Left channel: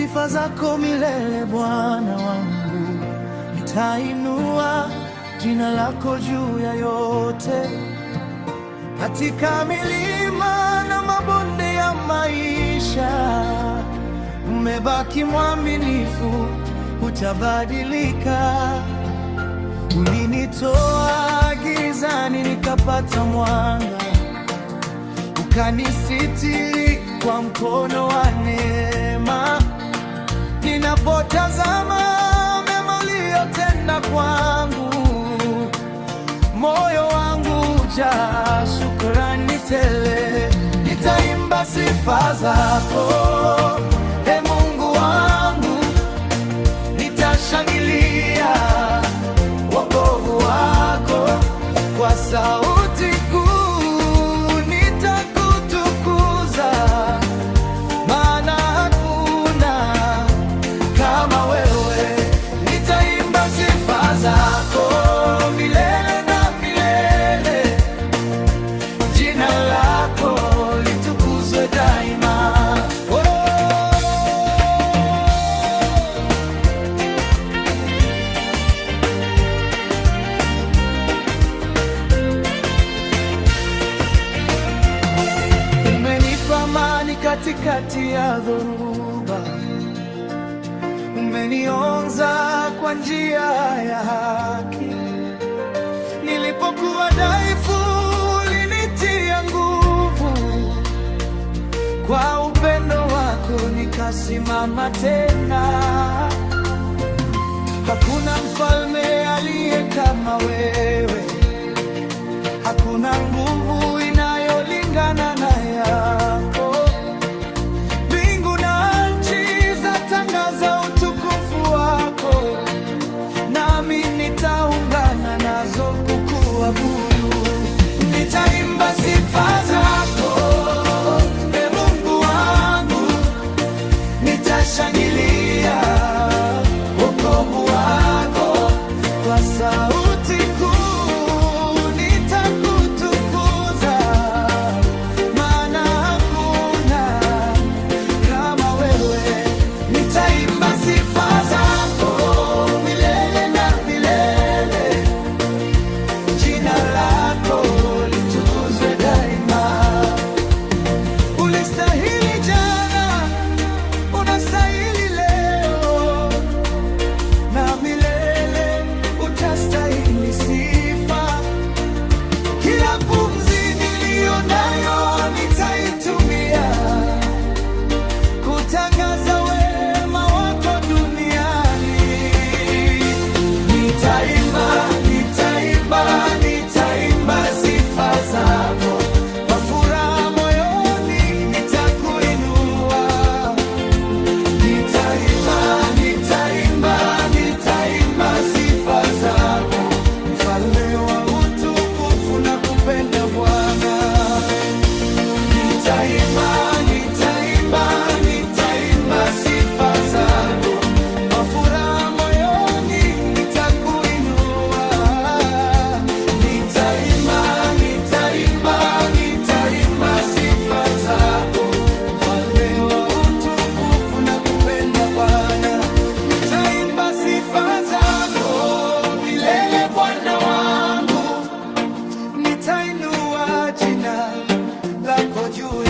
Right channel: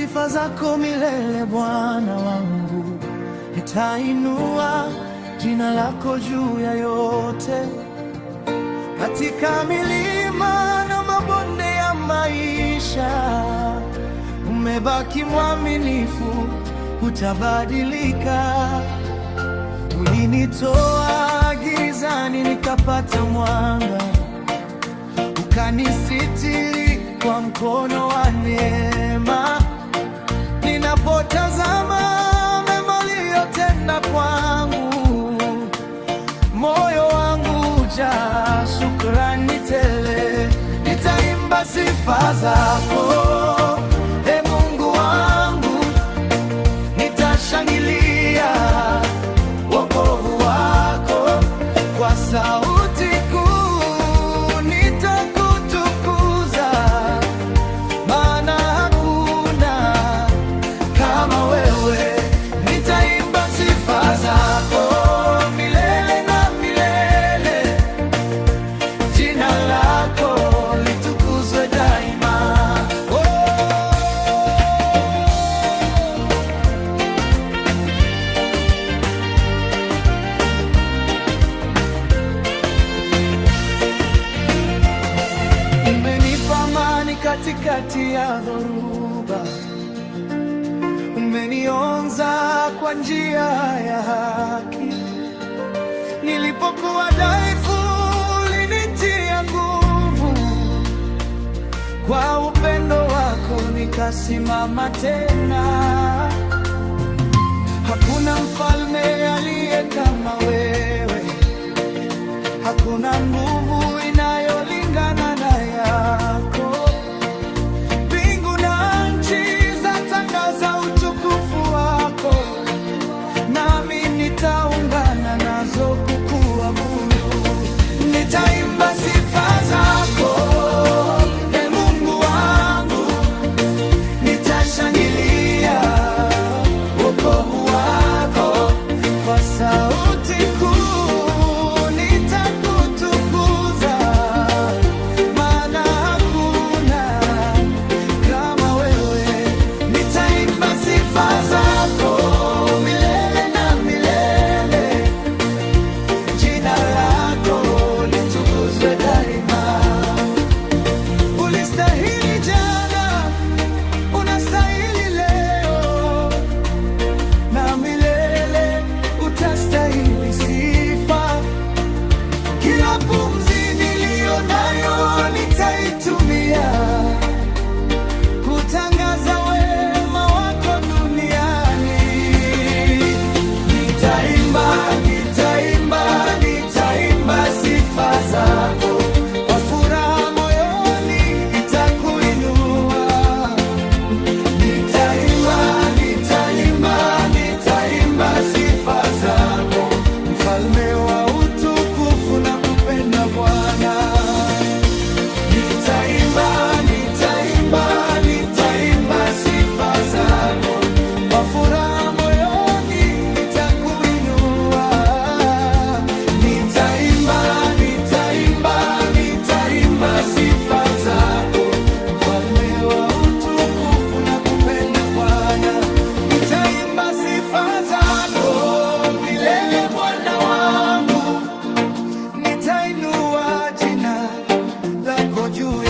sifa zako milele, Bwana wangu. Nitainua jina lako juu ya yote, katika milima na mabonde ya maisha. Umebaki mwaminifu, hutabadilika. Ulinitoa gizani nikapata mwanga, ukanisitiri kwa mkono wa neema. Ninapotazama mema uliyotenda kwangu, moyo wangu hujaa shukrani tele. Nitaimba sifa zako, Ee Mungu wangu. Nitashangilia wokovu wako kwa sauti kuu. Nitakutukuza, maana hakuna kama wewe. Nitaimba sifa zako milele na milele, jina lako litukuzwe daima. Umenipa amani katikati ya dhoruba, umeniongoza kwa njia ya haki. Nilipokuwa dhaifu, ulinitia nguvu, kwa upendo wako nikasimama tena. Hakuna mfalme aliye kama wewe, hakuna nguvu inayolingana na yako. Mbingu na nchi zatangaza utukufu wako, nami nitaungana nazo kukuabudu. Nitaimba sifa zako, Ee Mungu wangu. Nitashangilia wokovu wako kwa sauti kuu. Nitakutukuza, maana hakuna kama wewe. Nitaimba sifa zako milele na milele, jina lako litukuzwe daima. Ulistahili jana, unastahili leo, na milele utastahili sifa. Kila pumzi niliyo nayo nitaitumia kutangaza wema wako duniani. Nitaimba, nitaimba, nitaimba sifa zako kwa furaha moyoni, nitakuinua. Nitaimba, nitaimba, nitaimba sifa zako, mfalme wa utukufu na kupenda Bwana. Nitaimba, nitaimba, nitaimba sifa zako kwa furaha moyoni, nitakuinua. Nitaimba, nitaimba, nitaimba sifa zako, mfalme wa utukufu na kupenda Bwana. Nitaimba sifa zako milele, Bwana wangu. Nitainua jina lako juu